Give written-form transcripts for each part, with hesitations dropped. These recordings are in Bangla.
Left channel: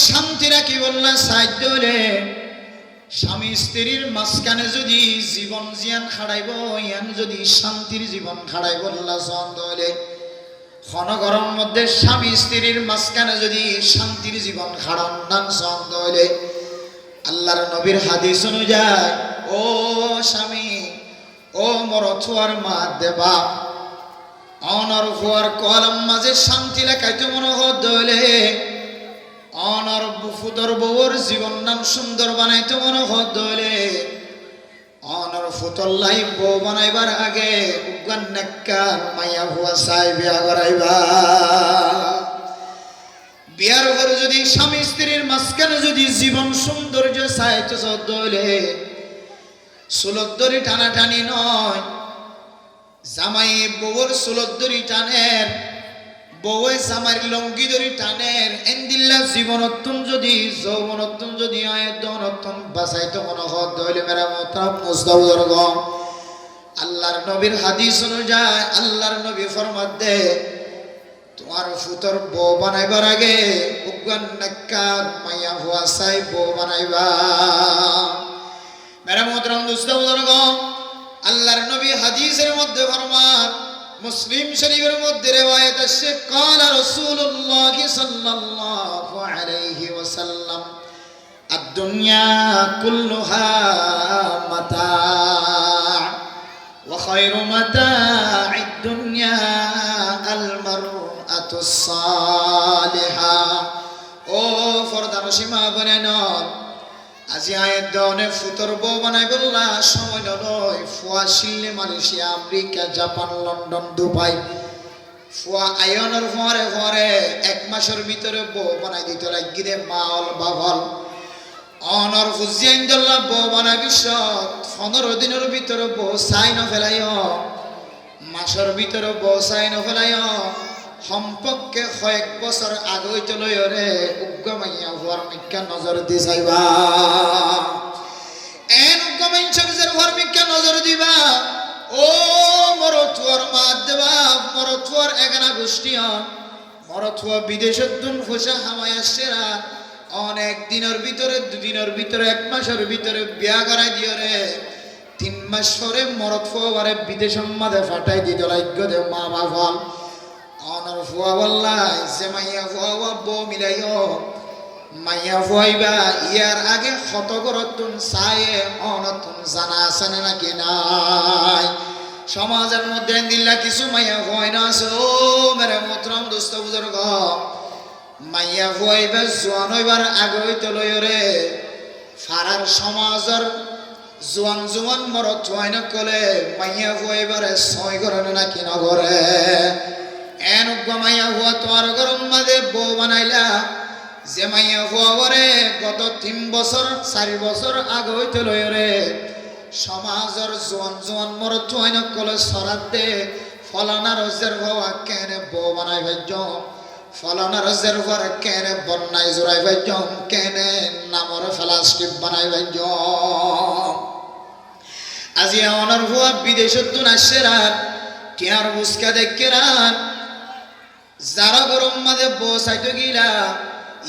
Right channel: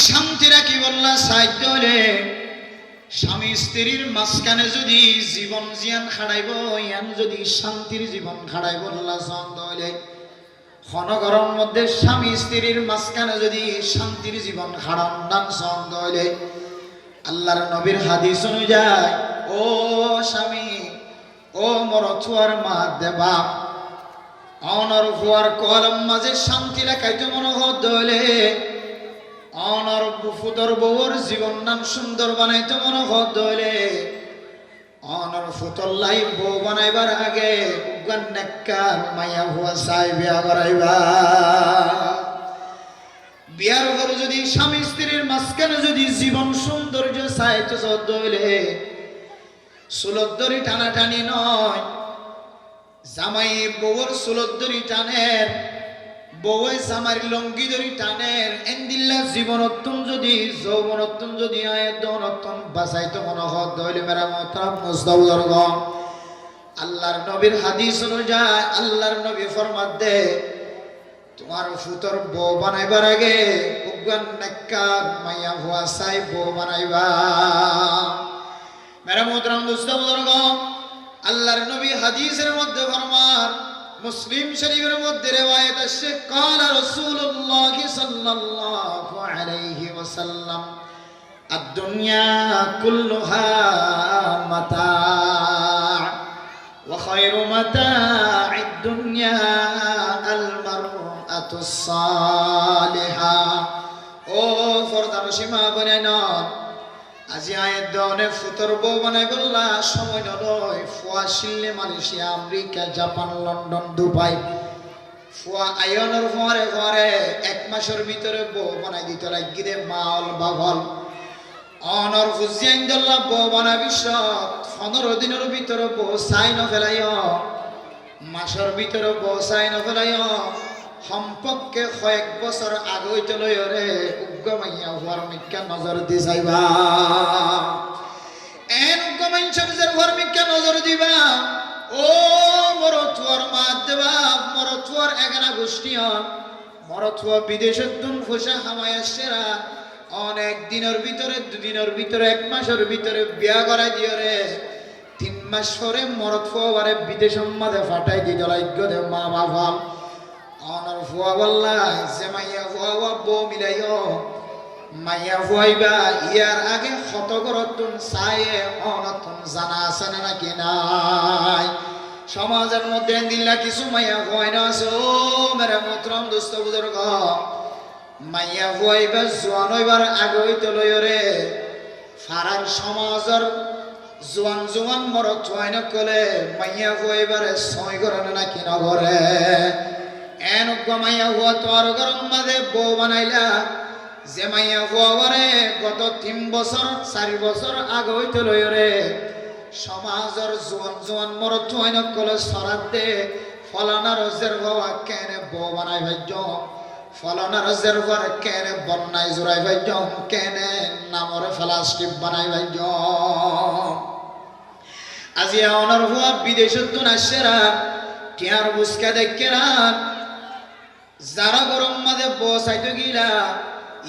শান্তি রাখি বললা সাহায্য হলে স্বামী স্ত্রীর মাঝখানে যদি জীবন জিয়ান খাড়াইব ইয়ান যদি শান্তির জীবন খাড়াইব আল্লাহ ছন্দ হলে ক্ষণগরম মধ্যে স্বামী স্ত্রীর মাঝখানে যদি শান্তির জীবন খাড়ান নাম ছন্দ হলে আল্লাহর নবীর হাদিস অনুযায়ী ও স্বামী ও মরথুয়ার মা দেবা অনর ফুয়ার কলম মাঝে শান্তি লেখাইতে মনে হলে অনর ফুতর বউর জীবন নাম সুন্দর বানাইতে মনে হলে অনর ফুতর লাই বউ বানাইবার আগে উগান নেককার মাইয়া হুয়া চাই বিয়া করাইবা বিয়ার উপরে যদি স্বামী স্ত্রীর মাঝখানে যদি জীবন সৌন্দর্য চাইতে হলে চুলত দড়ি টানাটানি নয় জামাই বউর চুলত দড়ি টানের বউয়ে জামার লঙ্গি দড়ি টানের এন্দিল্লা জীবনত্তম যদি যৌবনত্তম যদি আয়তনত্তম বাঁচাইতে মনে হইলে মেরা মোহতারাম মুস্তাফিজুর্গ আল্লাহর নবীর হাদিস অনুযায়ী আল্লাহর নবী ফরমাত দে তোমার ফুতর বউ বানাইবার আগে উগান নেককার মাইয়া হুয়া চাই বউ বানাইবা মেরা মোহতারাম মুস্তাফিজুর্গ আল্লাহর নবী হাদিসের মধ্যে ফরমান মুসলিম শরীফের মধ্যে রওয়ায়াত আছে قال رسول الله صلى الله عليه وسلم الدنيا كلها متاع وخير متاع الدنيا المرأة الصالحة ও ফরদা মুসলিমা বনেনা আজি আয়ের দনে ফুতর বউ বানাই বললা সময় নয় ফুয়া শিল্লে Malaysia America Japan London Dubai ফুয়া আয়নের ফরে ফরে এক মাসের ভিতরে বউ বানাই দিতে লাগিরে মাল বাবল অনর ফুজিয়াইন দল্লা বউ বানাই বিশ্ব 15 দিনের ভিতরে বউ সাইন ফেলাইও মাসের ভিতরে বউ সাইন ফেলাইও সম্পর্কে কয়েক বছর আগে চলে রে উগ্গমাইয়া হওয়ার মিক্কা নজর দিয়ে যাইবা এন উগ্গমাইনসের হওয়ার মিক্কা নজর দিবা ও মরথুয়ার মা দেবা মরথুয়ার এগানা গোষ্ঠী মরথুয়া বিদেশের দুন খুশা হামায় আসছেরা অনেক দিনের ভিতরে দুদিনের ভিতরে এক মাসের ভিতরে বিয়া করাই দিও রে 3 মাস পরে মরথুয়ারে বিদেশের মাঝে ফাটাই দিত লাগ্য দে মা বাবা অনর ফুয়া বললাই যে মাইয়া ফুয়া বউ মিলাইও মাইয়া ফুয়াইবা ইয়ার আগে কত করতুন চায়ে অনতুন জানা আছে না নাকি নাই সমাজের মধ্যে দিল্লা কিছু মাইয়া ফুয়াই না আছে ও মেরে মোহতারাম দোস্ত বুজুর্গ মাইয়া ফুয়াইবা জোয়ান হইবার আগে হইতে লই রে ফারার সমাজের জোয়ান জোয়ান মরত হয় না কলে মাইয়া ফুয়াইবারে ছয় করে নাকি নগরে এন মাইয়া হুয়া তোর গরম মাঝে বউ বানাইলা যে মাইয়া হুয়া করে গত 3 বছর 4 বছর আগে হইতে লই রে সমাজের জোয়ান জোয়ান মরত হয় না কলে সরাত দে ফলানা রজের হওয়া কেনে বউ বানাই ভাজ্য ফলানা রজের পর কেনে বন্যাই জোড়াই ভাজ্য কেনে নামর ফেলাস্টিপ বানাই ভাজ্য আজি অনর হুয়া বিদেশত তুন আসেরা টিয়ার বুসকা দেখেরা যারা গরম মাঝে বসাইতে গিলা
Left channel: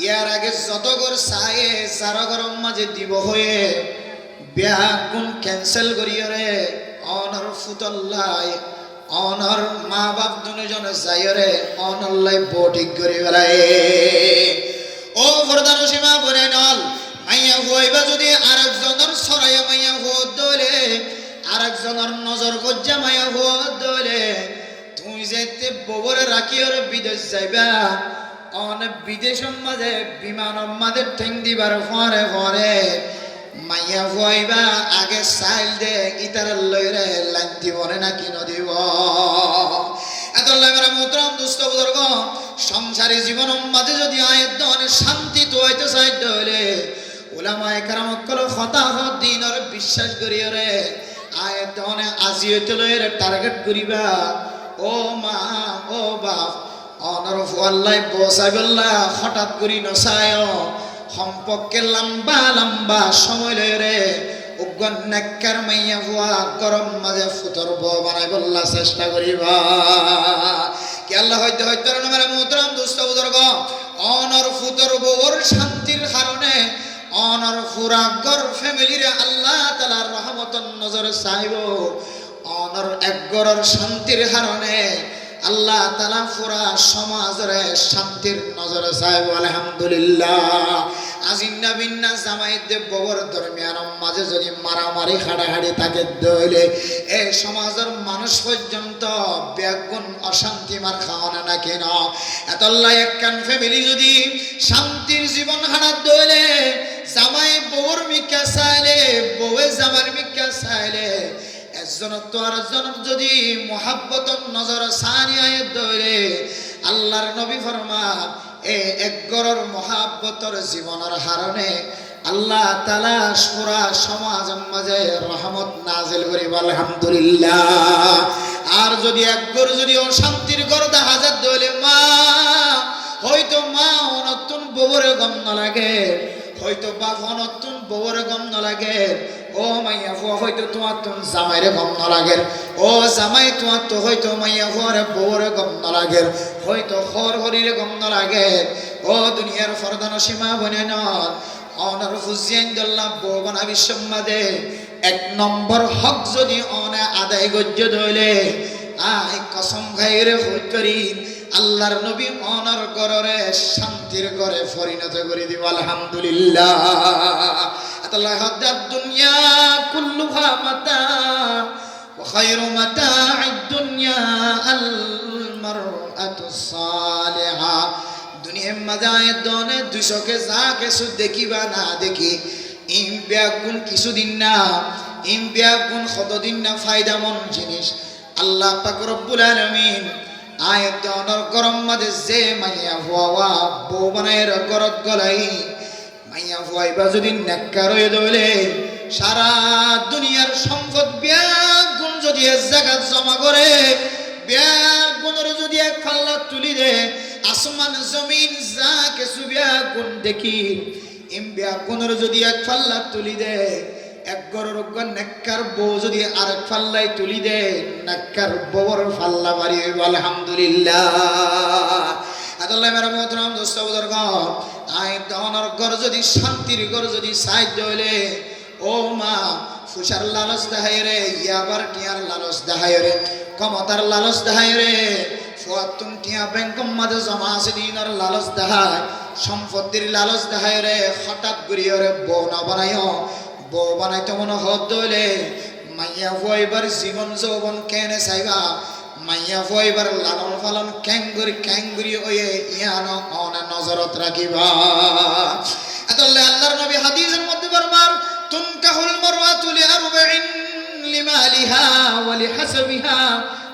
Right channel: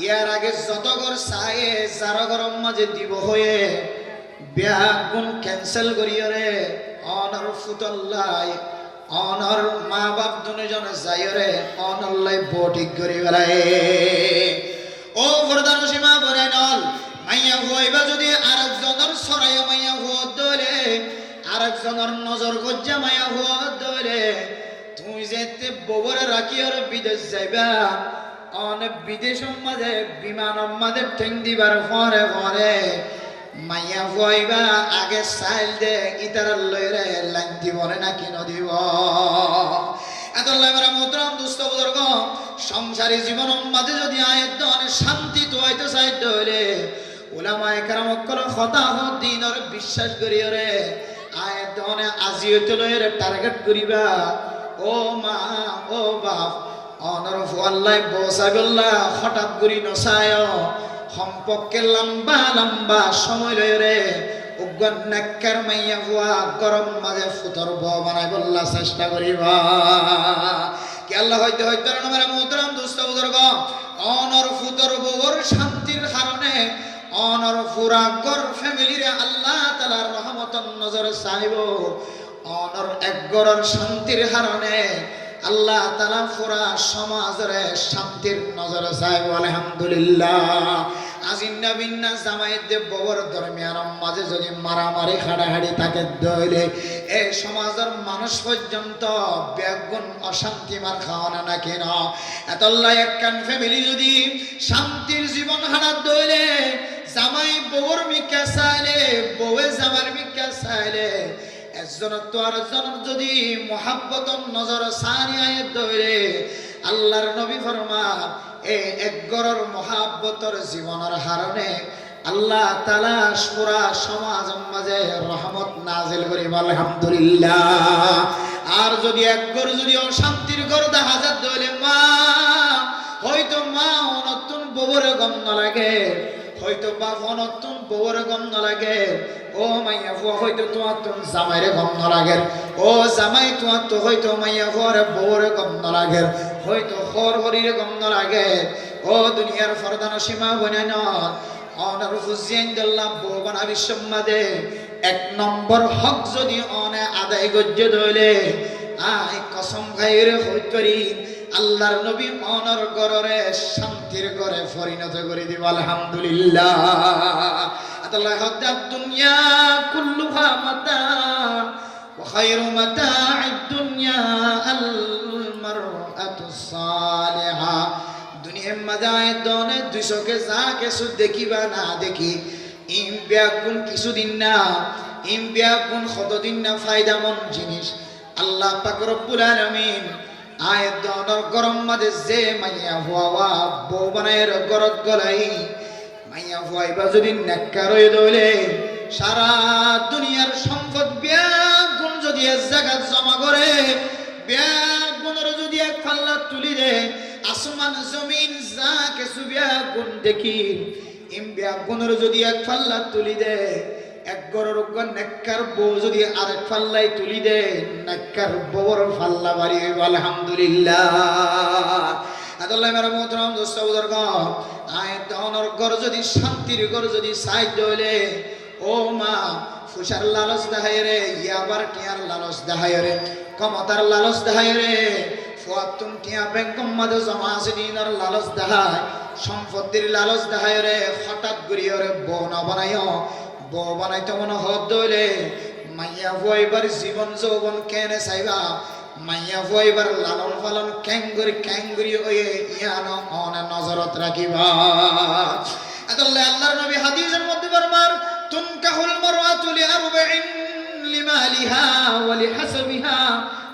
ইয়ার আগে যত গর চায়ে যারা গরম মাঝে দিব হয়ে বিয়া গুণ ক্যান্সেল করিও রে অনর ফুতল্লাই অনর মা বাপ দুজনে যাই রে অনল্লাই বটিক করি বেড়ায় ও প্রধান সীমা বলে নল মাইয়া হুয়াইবা যদি আরেকজনের ছড়াইয়া মাইয়া হুয়া দলে আরেকজনের নজর গজ্জা মাইয়া হুয়া দলে তুমি যেতে ববরে রাখি আর বিদেশ যাইবা অনেক বিদেশের মাঝে বিমান মাঝে ঠেং দিবার ফরে ফরে মাইয়া হইবা আগে সাইল দে ইতার লইরে লাইন দিব নাকি নদিব এত লাগরা মোহতারাম দোস্ত বুজুর্গ সংসারী জীবনের মাঝে যদি আয়ের দনে শান্তি তো হইতে চাইতে হলে উলামায়ে কেরাম কল খতাহ দিনের বিশ্বাস করিও রে আয়ের দনে আজি হইতে লইরে টার্গেট করিবা ও মা ও বাপ অনর ফুয়াল্লাই বসাই বললা হঠাৎ করি নসায় সম্পর্কে লম্বা লম্বা সময় লয় রে উগ্গন নেককার মাইয়া ফুয়া গরম মাঝে ফুতর বউ বানাই বললা চেষ্টা করিবা কি আল্লাহ হইতে হইতে মেরা মোহতারাম দোস্ত বুজুর্গ অনর ফুতর বউর অনর পুরা গর ফ্যামিলিরে আল্লাহ তাআলার রহমতের নজর চাইব অনর এক গরর শান্তির কারণে আল্লাহ তাআলা পুরা সমাজরে শান্তির নজর চাইব আলহামদুলিল্লাহ আজিন্না বিন্না জামাইত দে ববর দরমিয়ান মাঝে যদি মারামারি হাড়াহাড়ি থাকে দইলে এই সমাজের মানুষ পর্যন্ত ব্যাগুণ অশান্তি মার খাওয়ানা না কেন এতল্লাই একখান ফ্যামিলি যদি শান্তির জীবন হারাত দইলে জামাই ববর মিকা চাইলে বউয়ে জামার মিকা চাইলে একজন তো আরেকজন যদি মোহাব্বতর নজর সানি আয়াত দইলে আল্লাহর নবী ফরমান এক গরর মোহাব্বতর জীবনের হারণে আল্লাহ তাআলা পুরা সমাজের মাঝে রহমত নাজিল করি আলহামদুলিল্লাহ আর যদি এক গর যদি অশান্তির গর দেখা যায় দইলে মা হয়তো মা নতুন বউরে গন্ধ লাগে হয়তো বাপ নতুন বউর গন্ধ লাগে ও মাইয়া ফুয়া হয়তো তোমার তুম জামাইরে গন্ধ লাগে ও জামাই তোমার তো হয়তো মাইয়া ফুয়ারে বউরে গন্ধ লাগে হয়তো হর হরিরে গন্ধ লাগে ও দুনিয়ার ফরদান সীমা বনান অনার হুসেন দল্লা বউ বানা বিশ্বমাদে এক নম্বর হক যদি অনে আদায় গজ্য ধইলে আই কসম খাইরে হইতরি আল্লাহর নবী অনর গররে শান্তির ঘরে পরিণত করে দিব আলহামদুলিল্লাহ আল্লাহ হাদাত দুনিয়া কুল্লুহা মাতা ওয়া খায়রু মাতা'আদ দুনিয়া আল মারআতু সালিহা দুনিয়ার মাঝে দনে 200 কে যা কিছু দেখিবা না দেখি ইম ব্যাগুন কিছুদিন না ইম ব্যাগুন কতদিন না ফায়দামন জিনিস আল্লাহ পাক রব্বুল আলামিন আয়াত দনর গরম মাঝে যে মাইয়া হওয়া বউ বানায়ের গরত গলাই মাইয়া হওয়াইবা যদি নেককার হয়ে দইলে সারা দুনিয়ার সম্পদ ব্যাগুন যদি এক জায়গায় জমা করে ব্যাগুনের যদি এক পাল্লা তুলি দে আসমান জমিন যা কিছু ব্যাগুন দেখি ইম ব্যাগুনের যদি এক পাল্লা তুলি দে এক গরর নেককার বউ যদি আরেক পাল্লাই তুলি দে নেককার বউর পাল্লা বাড়ি হইব আলহামদুলিল্লাহ আল্লাহ মেরা মোহতরম দোস্ত বুজুর্গ আই দনর ঘর যদি শান্তির ঘর যদি সাইড হইলে ও মা ফুসার লালচ দেখায় রে ইয়াবার টিয়ার লালচ দেখায় রে ক্ষমতার লালচ দেখায় রে ফুয়াতুন টিয়া ব্যাংকম মাঝে জমা আছে দিনের লালচ দেখায় সম্পত্তির লালচ দেখায় রে হঠাৎ ঘুরিয়ে রে বউ না বানাইও বউ বানাইতে মনে হত দইলে মাইয়া ফুয়াইবার জীবন যৌবন কেনে চাইবা মাইয়া ফুয়াইবার লালন পালন ক্যাঙ্গুরি হয়ে ইয়ান অনে নজরত রাখিবা আল্লাহ আল্লাহর নবী হাদিসের মধ্যে ফরমান তুনকাহুল মারওয়াতু লিআরবাইন লিমালিহা ওয়া লিহাসবিহা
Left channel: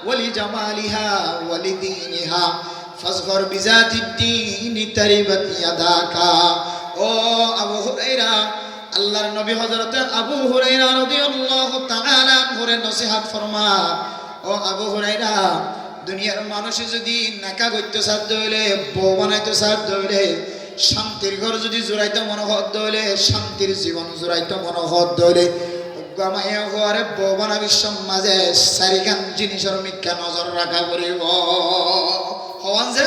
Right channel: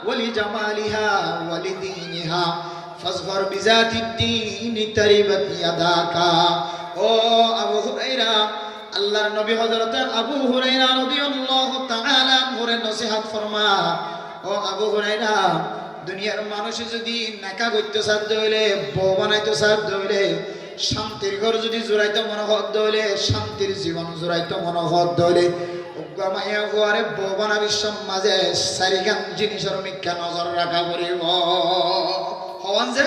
ওয়া লিজামালিহা ওয়া লিদীনিহা ফাজফর বিজাতিদ দীনি তারিবাত ইয়াদাকা ও আবু হুরায়রা আল্লাহর নবী হযরত আবু হুরায়রা রাদিয়াল্লাহু তাআলা আনহুর নসিহত ফরমান ও আবু হুরায়রা দুনিয়ার মানুষ যদি নাকা করতে সাধ্য হইলে বউ বানাইতে সাধ্য হইলে শান্তির ঘর যদি জোড়াইতে মনোহত হইলে শান্তির জীবন জোড়াইতে মনোহত হইলে মাইয়া ঘরে বউ বানাবি সমাজে চারিখান জিনিসের মিথ্যা নজর রাখা করিব হওয়ান যে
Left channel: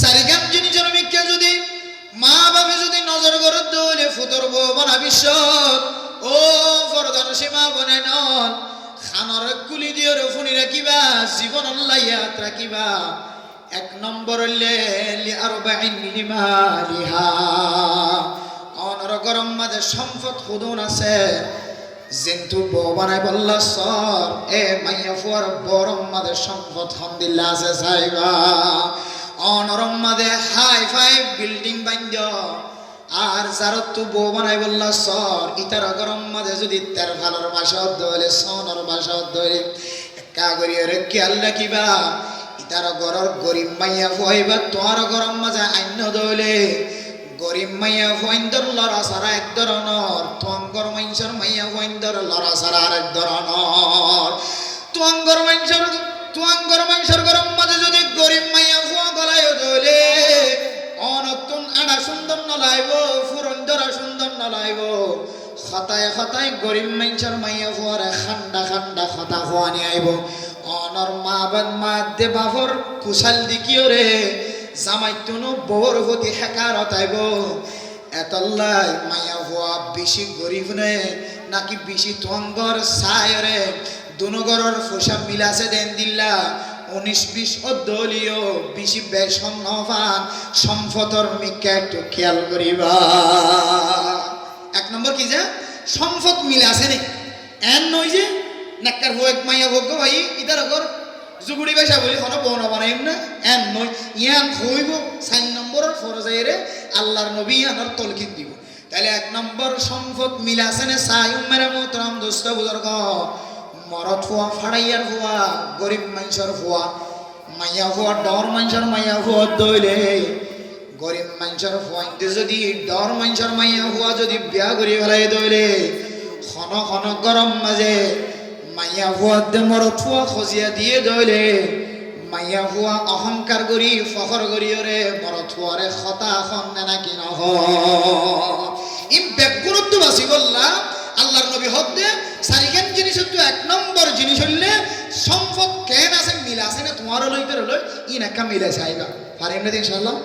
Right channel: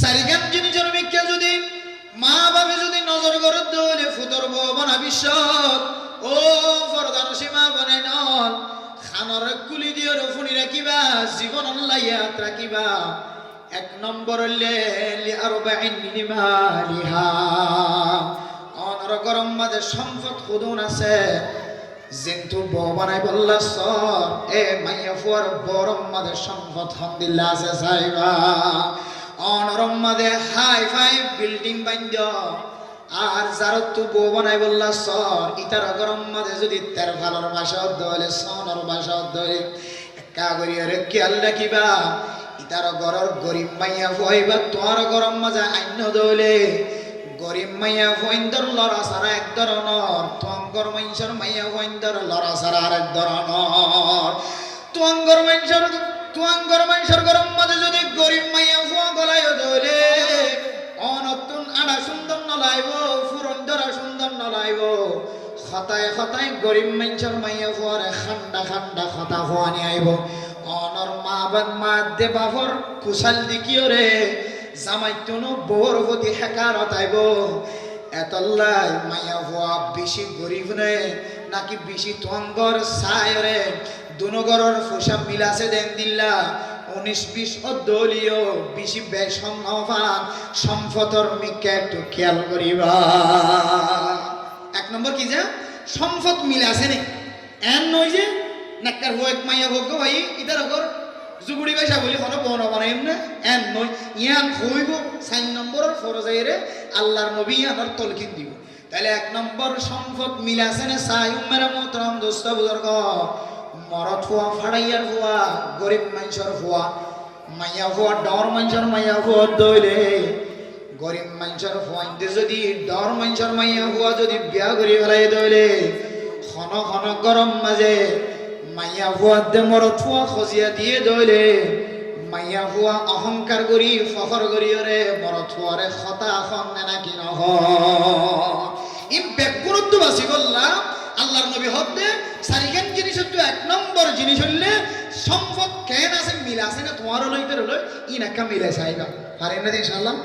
চারিখান জিনিসের মিথ্যা যদি মা বাবা যদি নজর করে দইলে ফুতর বউ বানাবি ও ফরদান সীমা বনাই নন খানর কুলি দিয়ে রফুনি রাখিবা জীবন আল্লাহিয়াত রাখিবা এক নম্বর লিআরবাইন লিমালিহা অনর গরম মাঝে সম্পদ খুদুন আছে যেন্তু বউ বানাই বললা সর এ মাইয়া ফুয়ার বরম মাঝে সম্পদ হামদুলিল্লাহ আছে চাইবা অনরম মাঝে হাই ফাই বিল্ডিং বান্ধ আর যারা তু বউ বানাই বললা সর ইতার গরম মাঝে যদি তের ভালোর মাসত দইলে সনর মাসত দইলে একা করিয়া রেখে আল্লাহ কিবা ইতার গরর গরিব মাইয়া ফুয়াইবা তোর গরম মাঝে আইন দইলে গরিব মাইয়া ফুয়াইন্দর লড়া সারা এক ধরনের তোয়াঙ্গর মাইনসর মাইয়া ফুয়াইন্দর লড়া সারা আরেক ধরনের তোয়াঙ্গর মাইনসর গরম মাঝে যদি গরিব মাইয়া ফুয়া গলায় দইলে অনতুন আড়া সুন্দর নলাইব ফুরন্দরা সুন্দর নলাইব খতায় গরিব মাইনসর মাইয়া ফুয়ারে খান্ডা খতা হওয়ানি আইব অনর মা দে বাবর কুশাল দিকিও রে জামাইতনো বউর প্রতি হেকারত আইব এতল্লাই মাইয়া হওয়া বেশি গরিব নে নাকি বেশি থঙ্গর সায়রে দুনগরের পোশাক মিলাছে দেন দিল্লা 19-20 দলীয় বেশি বেসম্মান সম্পদর মিকে একটু খেয়াল করিবা। 1 নম্বর কি যে সম্পদ মিলে আছে নি এন নয় যে নাক্কার হো এক মাইয়া ভোগ ভাই ইদার ঘর জুগুড়ি পয়সা বলি কোনো বনা বানাইম না এন নয় ইয়ান হইব 4 নম্বরের ফরজাইরে আল্লাহর নবী ইয়ানোর তলকিন দিব। তাহলে 1 নম্বর সম্পদ মিলে আছে না সাই উম্মের মোহতরম দোস্ত বুজুর্গ মরদ হওয়া ফাড়াইয়ার হওয়া গরিব মানুষের হওয়া মাইয়া হওয়া ডর মানুষের মাইয়া হওয়া দইলে গরিব মানুষের হওয়াইতে যদি ডর মানুষের মাইয়া হওয়া যদি বিয়া করি ফেলাই দইলে ঘন ঘন গরম মাঝে মাইয়া হওয়া দে মরদ হওয়া খজিয়া দিয়ে দইলে মাইয়া হওয়া অহংকার করি ফখর করি রে মরদ হওয়ারে খতা খন নাকি নহ ই বেগুরত্ব বাসি বললাম আল্লাহর নবী হদ্দে সারিখান জিনিস হচ্ছে 1 নম্বর জিনিস হইলে সম্পদ কেন আছে মিল আছে না তোমারও লইতে রইল ই নাকা মিলে চাইবা পারেন না ইনশাআল্লাহ।